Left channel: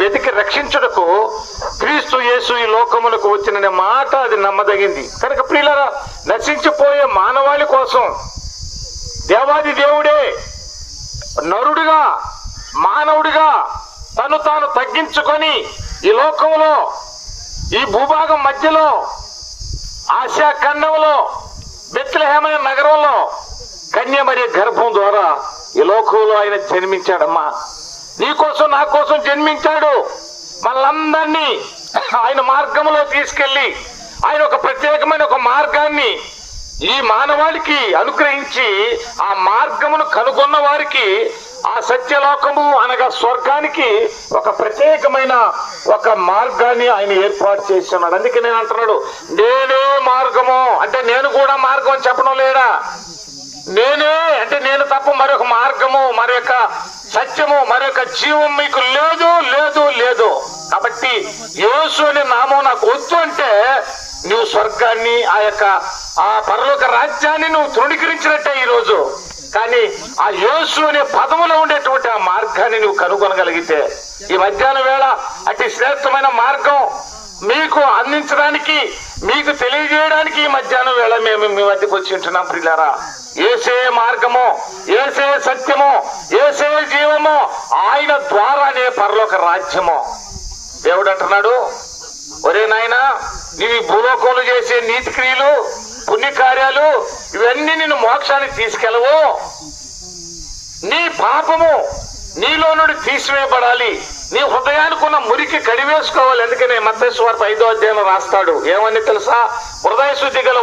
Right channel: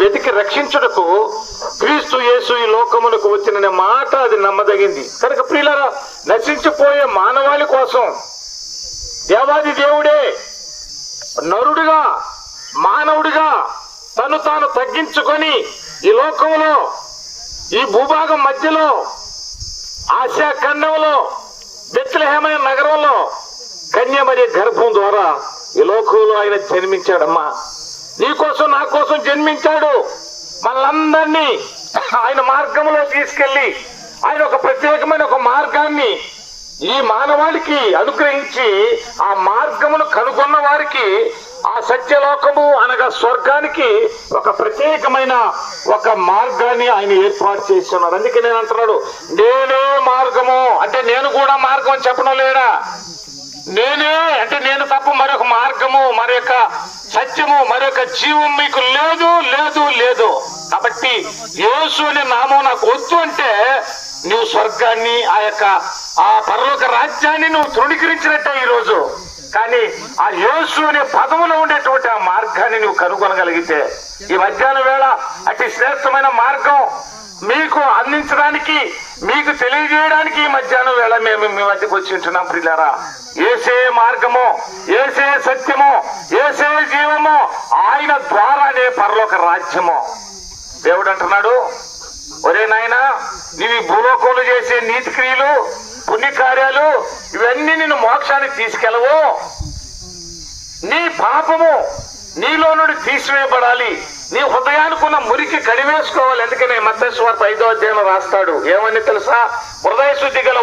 వెతికి రక్షించుటకు క్రీస్తు యేసు ఈ లోకములకు వచ్చిన మాట అది నమ్మదగింది. కనుక ప్రియులారా, నశించిపోయే మానవాళి కోసం దేవాది దేవుడే నరుడిగా మానవుడిగా తను తాను తగ్గించుకొని ఈ లోకంలో ఈ భూభాగం మధ్యలో ఆసియా ఖండంలో బెత్లెహేమైన నగరంలో కన్యమరి గర్భం ద్వారా ఈ లోకంలో ఆయన జన్మించాడమ్మా. నీకోసం నా కోసం జన్మించాడు. మనలందరినీ ఆయన మార్గంలో తీసుకెళ్లి ఆయన ఒక ప్రత్యేకమైన ఒక మార్గాన్ని ఈ మానవాళికి అనుగ్రహించి ఆ మార్గమును కనుగొన్న వారికి ఆ సత్యలోకము అనగా స్వర్గానికి ఒక ప్రత్యేకమైన ఒక మార్గాన్ని ఆయన ఏర్పాటు చేస్తున్నాడు. అందుకే నేను అంటున్నాడు, నేనే మార్గము అంటే నేను కూడా మార్గం అని చెప్పడం లేడా? నేనే అంటే నేను తప్ప మరొక మార్గము, మరొక సత్యము, మరొక జీవం మీకు లేదు లేదు లేదు. కాబట్టి యేసు అనే నామం నాకు వద్దు అంటే నువ్వు స్వర్గాన్ని ఆ పరలోక రాజ్యాన్ని నువ్వు తృణీకరించినట్టే ఈరోజు. కానీ ఆ యేసు అనే పదవులో ఉండేటువంటి ఆ మార్గాన్ని నువ్వు కనుగొనగలిగితే ఈ మధ్యాహ్నం వేళ అతి శ్రేష్టమైన మార్గం మీకు అందించడానికి, మీకు తెలియజేయడానికి ఈ మధ్యాహ్నం వేళ మేము మీ మధ్యకు వచ్చి ఉంటున్నాం. ప్రియులారా, ఏసే మార్గము, ఏసే సత్యము, ఏసే జీవము, ఆయన ద్వారానే పరలోక రాజ్యము. దేవుడు అంటున్నాడు, ఒరే నాయనా, నీ భూలోకంలో చేసే నీతి క్రియలు, పుణ్యకార్యాలు ఇవన్నీ నిన్ను మోక్షానికి తీసుకెళ్ళవు. నీ పాపము నీలో నుండి తీసివేయబడాలి. నీ హృదయానికి ఉన్న మురికి కడివేసుకోవాలి. అందుకనే మత్తయి సువార్త 5వ అధ్యాయంలో రాస్తాడు, ఏమని తెలుసా? హృదయ శుద్ధి గల